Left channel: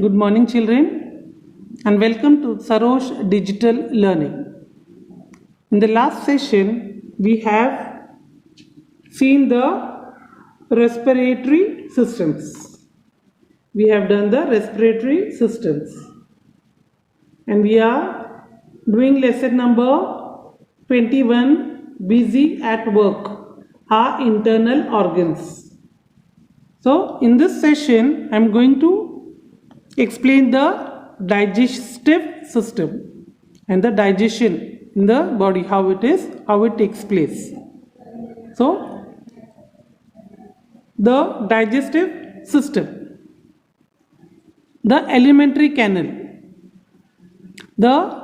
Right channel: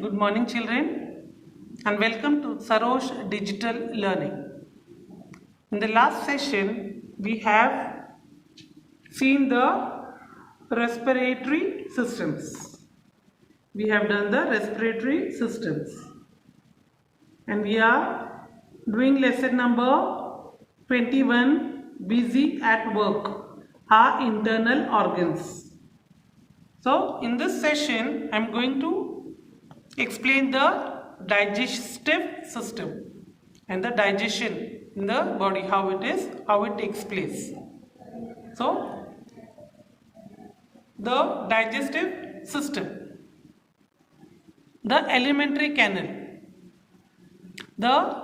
Good morning, children, and welcome to Sarosh Digital Learning. In the last session, we have seen the respiratory systems. We have done the respiratory systems, and we are doing lesson number 21, busy at work, our internal organs. So, in this session, I am going to explain the digestive system and the digestion in the body, how it takes place. So, the digestive system, the alimentary canal, the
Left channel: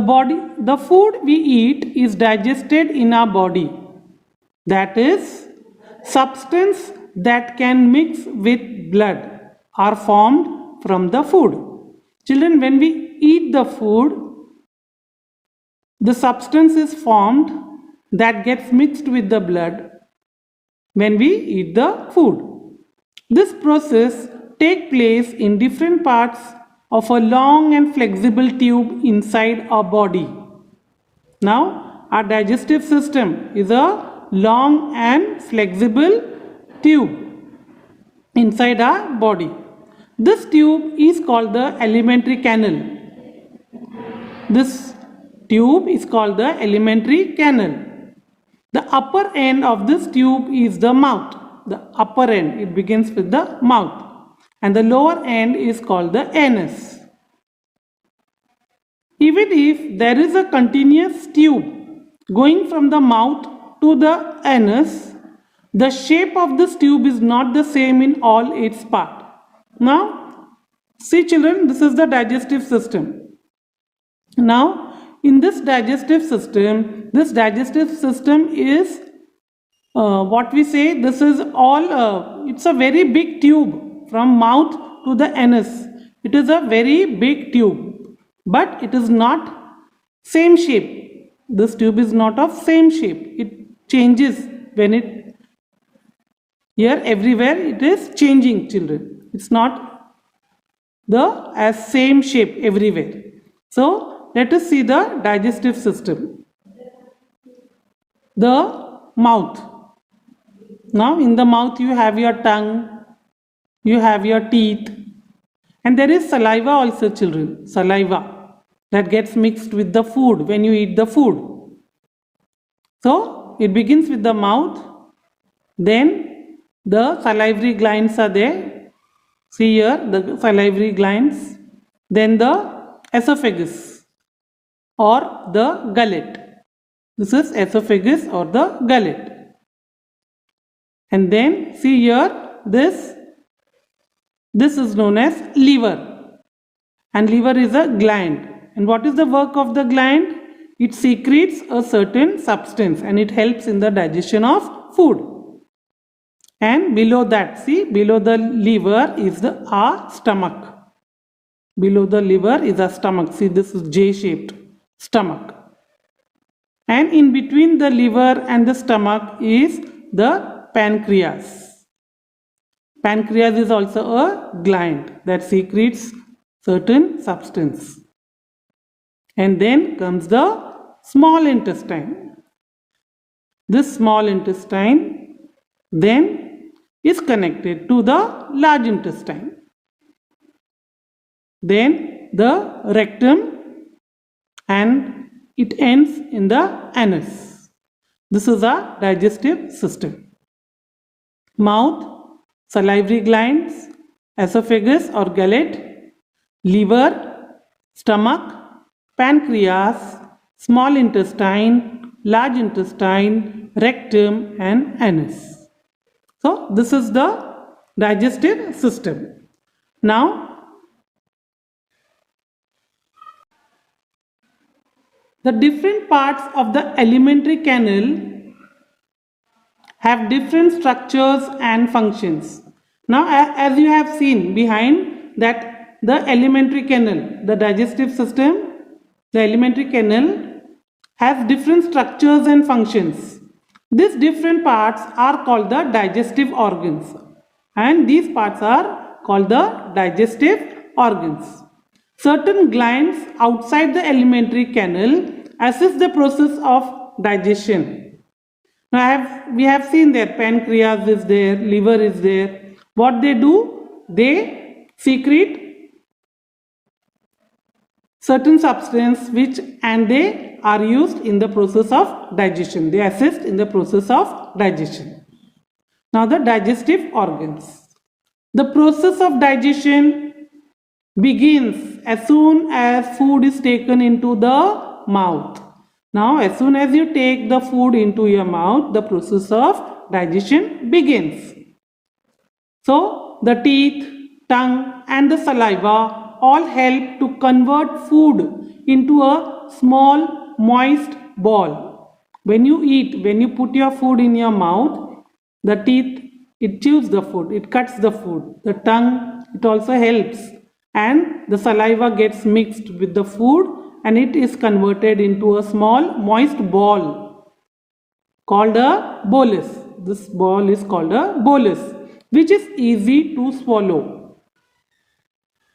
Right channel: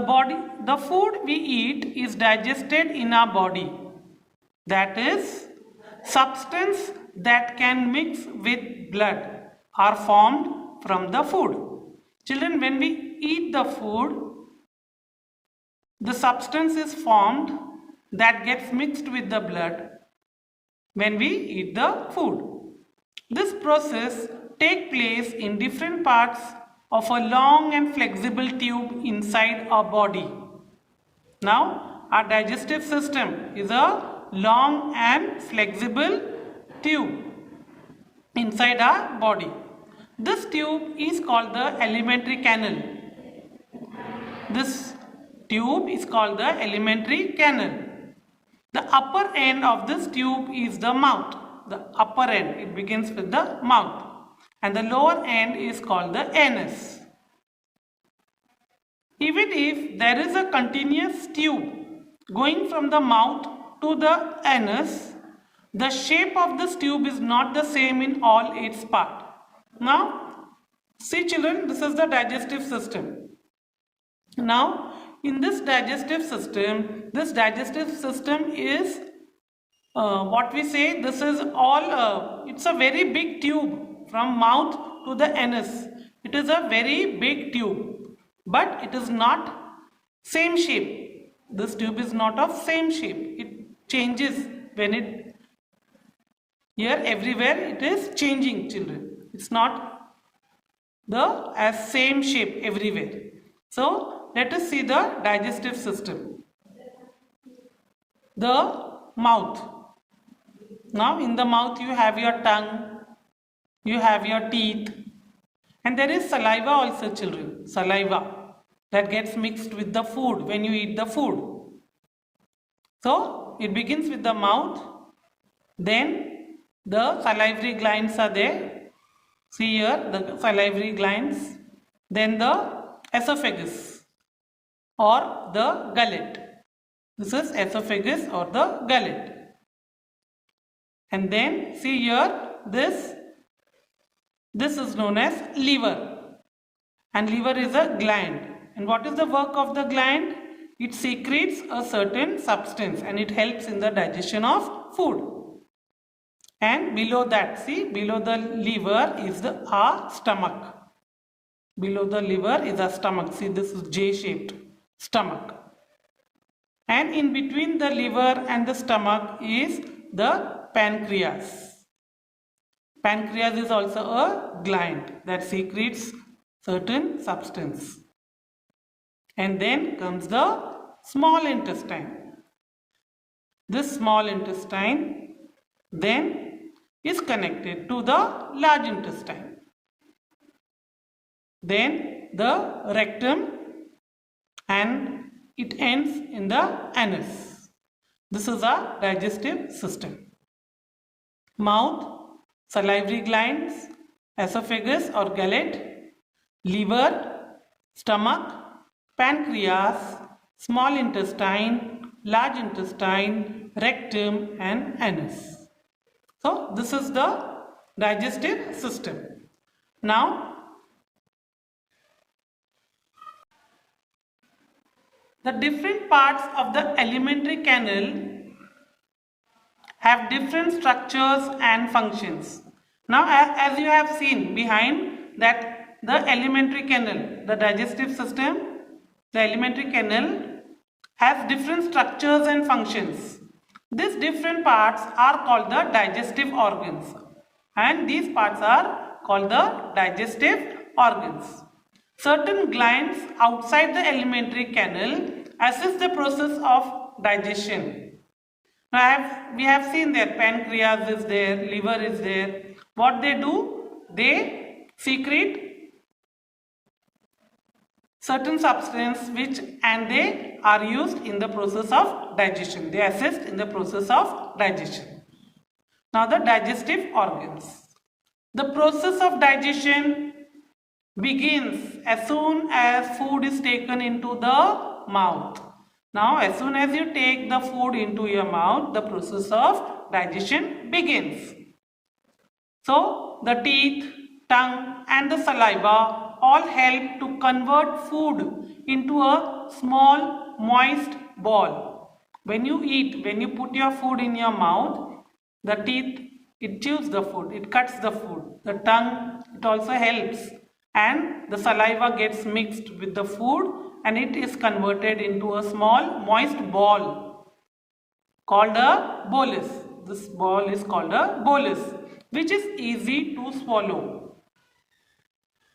body, the food we eat is digested in our body. That is, substance that can mix with blood are formed from the food. Children, when we eat the food, the substance is formed that gets mixed with the blood when we eat the food. This process takes place in different parts of a long and flexible tube inside our body. Now, our digestive system is a long and flexible tube inside our body. This tube is called the alimentary canal. This tube is called the alimentary canal. The upper end of this tube is the mouth. The upper end, it begins with the mouth. And the lower end is called the anus. Even if there is a continuous tube going from the mouth to the anus, the shape of this tube is not the same in all its parts. Now, see children, this is the digestive system. Now, in this digestive system is what we say, this is all, it's a very big tube from mouth to the anus. It is a very big tube, but it is not same shape. This tube is not of same shape. It changes when it, here everywhere it is changing, children. It's not the as same shape everywhere. So let us see the digestive system. The mouth. Now in the mouth you have your tongue, you have your teeth, and there is saliva also, children. Saliva that gets mixed with the food when you eat the food. So it begins with the mouth, then the salivary glands are there. See here the salivary glands, then the esophagus or the gullet. This is esophagus or the gullet. And then see here this is known as liver. And liver is a gland. And what is the work of the gland? It secretes a certain substance and it helps in the digestion of food. And below that, see, below the liver is our stomach. Below the liver is our stomach. See, this is J-shaped stomach. And in between the liver and the stomach is the pancreas. Pancreas is also a gland that secretes certain substance. And then comes the small intestine. This small intestine then is connected to the large intestine. Then the rectum, and it ends in the anus. This is our digestive system. Mouth, salivary glands, esophagus or gullet, liver, stomach, pancreas, small intestine, large intestine, rectum and anus. So this is the digestive system. Now, the different parts of the alimentary canal have different structures and functions. Now, as you have seen behind that, the alimentary canal, the digestive system, the alimentary canal has different structures and functions. These different parts are called the digestive organs. and these parts are called the digestive organs. Certain glands outside the alimentary canal assist the process of digestion. Now we have seen there pancreas is there, liver is there. What they do? They secrete certain substance which and they are used in the process of digestion. They assist in the process of digestion. Now the digestive organs. The process of digestion begins as soon as food is taken into the mouth. Now as soon as you take the food into your mouth, the process of digestion begins. So the teeth, tongue and the saliva all help to convert food into a small moist ball. When you eat, when you put your food in your mouth, the teeth, it chews the food, it cuts the food. The tongue, it also helps, and the saliva gets mixed with the food and it is converted into a small moist ball called a bolus. This ball is called a bolus, which is easy to swallow.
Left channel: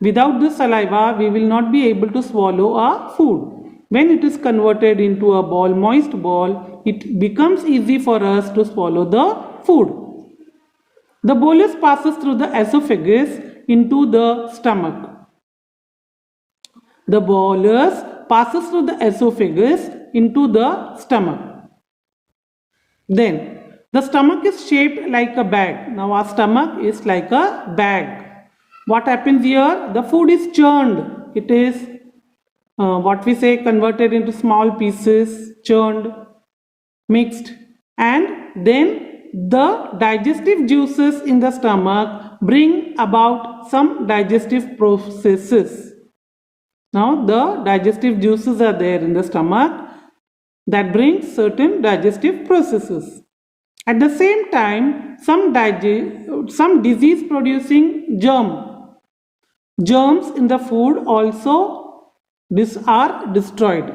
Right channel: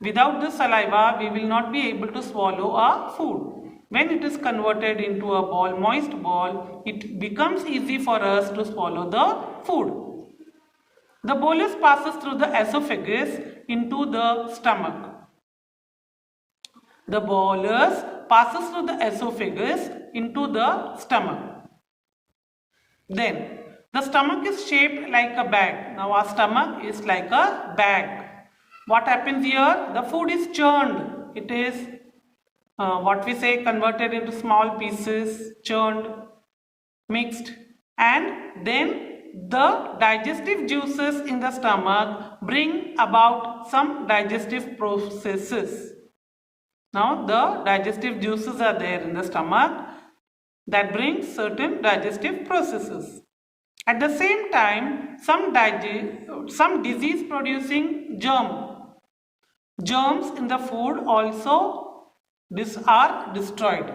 Without this saliva, we will not be able to swallow our food. When it is converted into a ball, moist ball, it becomes easy for us to swallow the food. The bolus passes through the esophagus into the stomach. The bolus passes through the esophagus into the stomach. Then, the stomach is shaped like a bag. Now, our stomach is like a bag. What happens here? The food is churned. It is what we say converted into small pieces, churned, mixed, and then the digestive juices in the stomach bring about some digestive processes. Now the digestive juices are there in the stomach that brings certain digestive processes. At the same time, some disease producing germs in the food also are destroyed.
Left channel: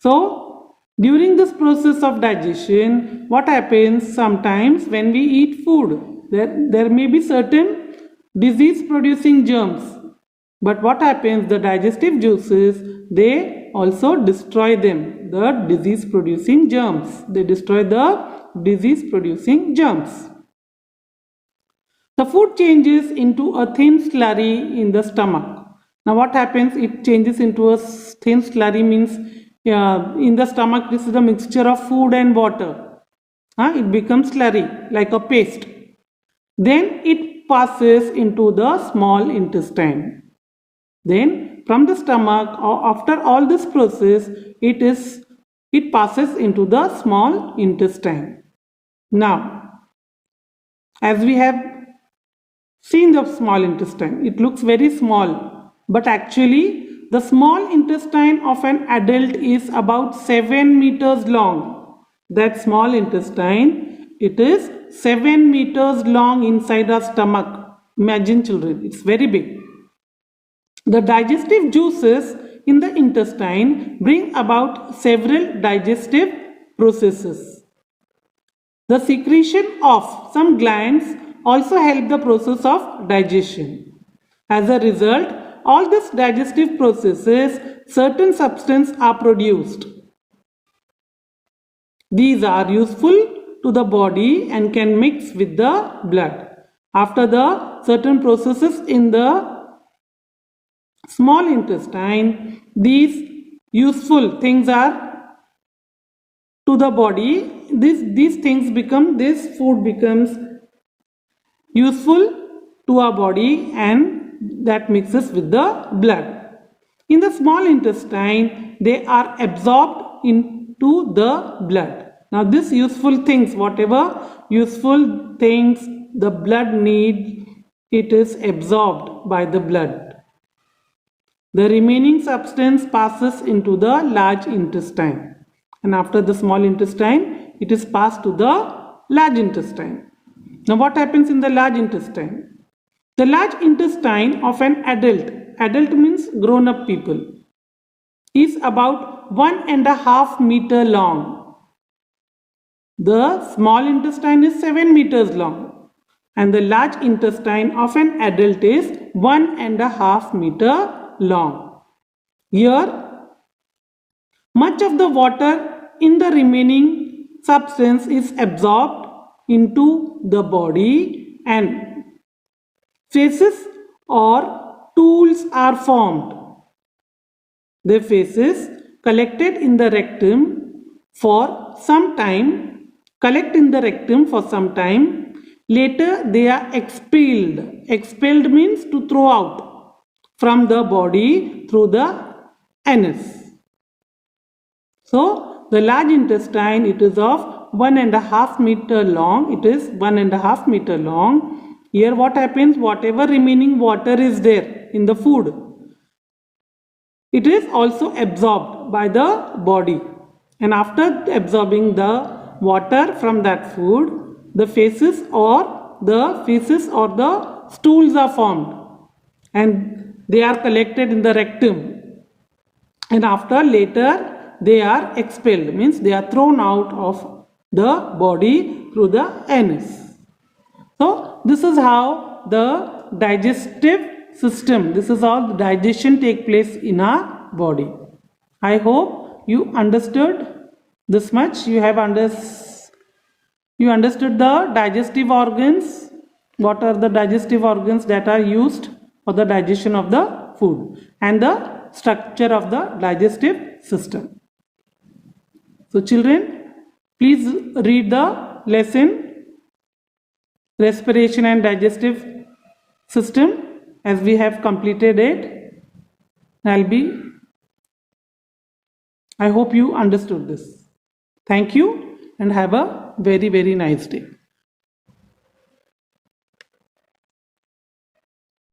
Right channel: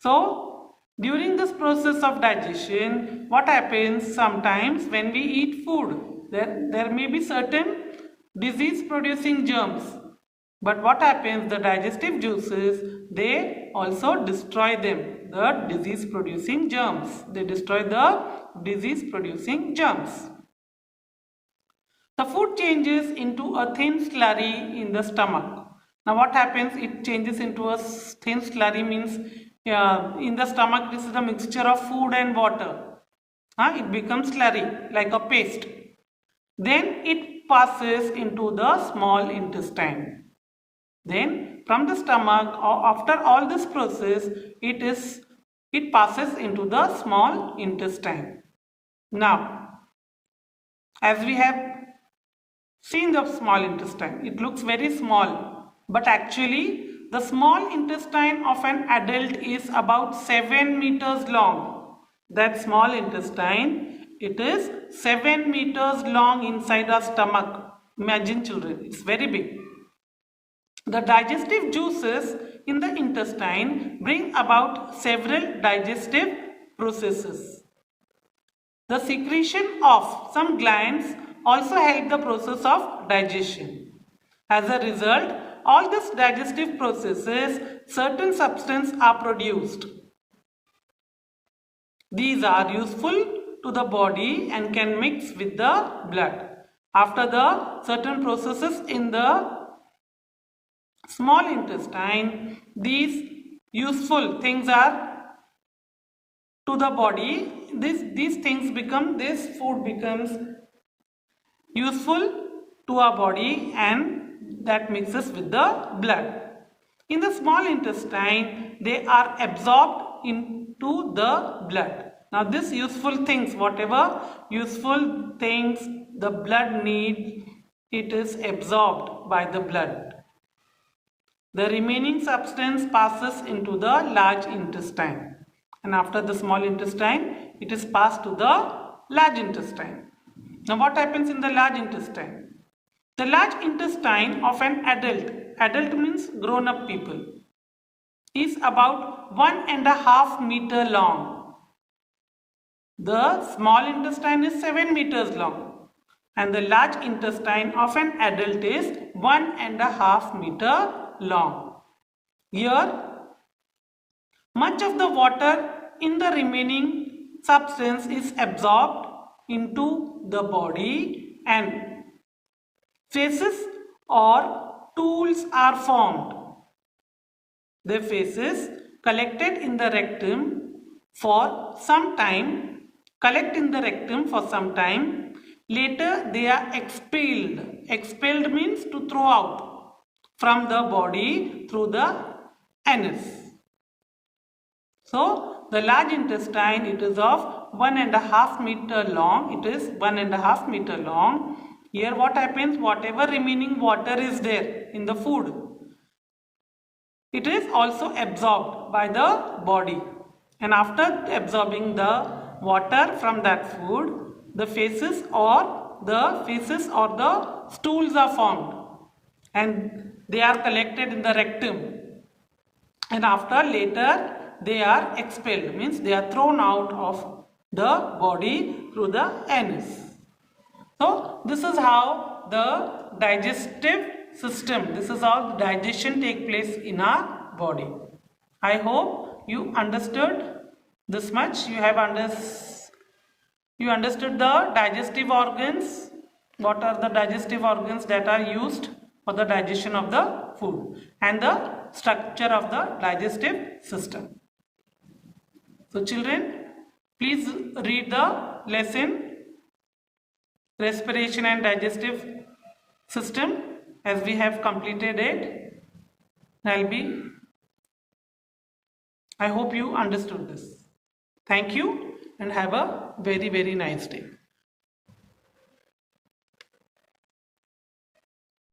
So during this process of digestion, what happens sometimes when we eat food, there may be certain disease producing germs, but what happens, the digestive juices, they also destroy them, the disease producing germs. They destroy the disease producing germs. The food changes into a thin slurry in the stomach. Now what happens? It changes into a thin slurry, means in the stomach this is a mixture of food and water. It becomes slurry like a paste. Then it passes into the small intestine. Then from the stomach, after all this process, it passes into the small intestine. Now, as we have seen the small intestine, it looks very small, but actually the small intestine of an adult is about 7 meters long. That small intestine, it is 7 meters long inside our stomach. Imagine children, it's very big. The digestive juices in the intestine bring about several digestive processes. The secretion of some glands also help the process of digestion. As a result, all these digestive processes, certain substances are produced. These are useful to the body and can mix with the blood. After the certain processes in the small intestine, these useful things are to the body. These things become, this food becomes useful to our body and that mixes with the blood. In the small intestine, they are absorbed into the blood. Now these useful things, whatever useful things the blood needs, it is absorbed by the blood. The remaining substance passes into the large intestine, and after the small intestine, it is passed to the large intestine. Now what happens in the large intestine? The large intestine of an adult means grown up people, is about 1.5 meters long. The small intestine is 7 meters long. and the large intestine of an adult is 1.5 meter long. Here, much of the water in the remaining substance is absorbed into the body and faces or stools are formed. The faces collected in the rectum for some time, later they are expelled. Expelled means to throw out from the body through the anus. So the large intestine, it is of 1.5 meter long. It is 1.5 meter long. Here what happens? Whatever remaining water is there in the food, it is also absorbed by the body. And after absorbing the water from that food, the feces or the stools are formed and they are collected in the rectum. And after later they are expelled, means they are thrown out of the body through the anus. So this is how the digestive system, this is how the digestion take place in our body. I hope you understood this much. You understood the digestive organs. What are the digestive organs that are used for the digestion of the food and the structure of the digestive system. So children, please read the lesson respiration and digestive system as we have completed it. I hope you understood this. Thank you and have a very, very nice day.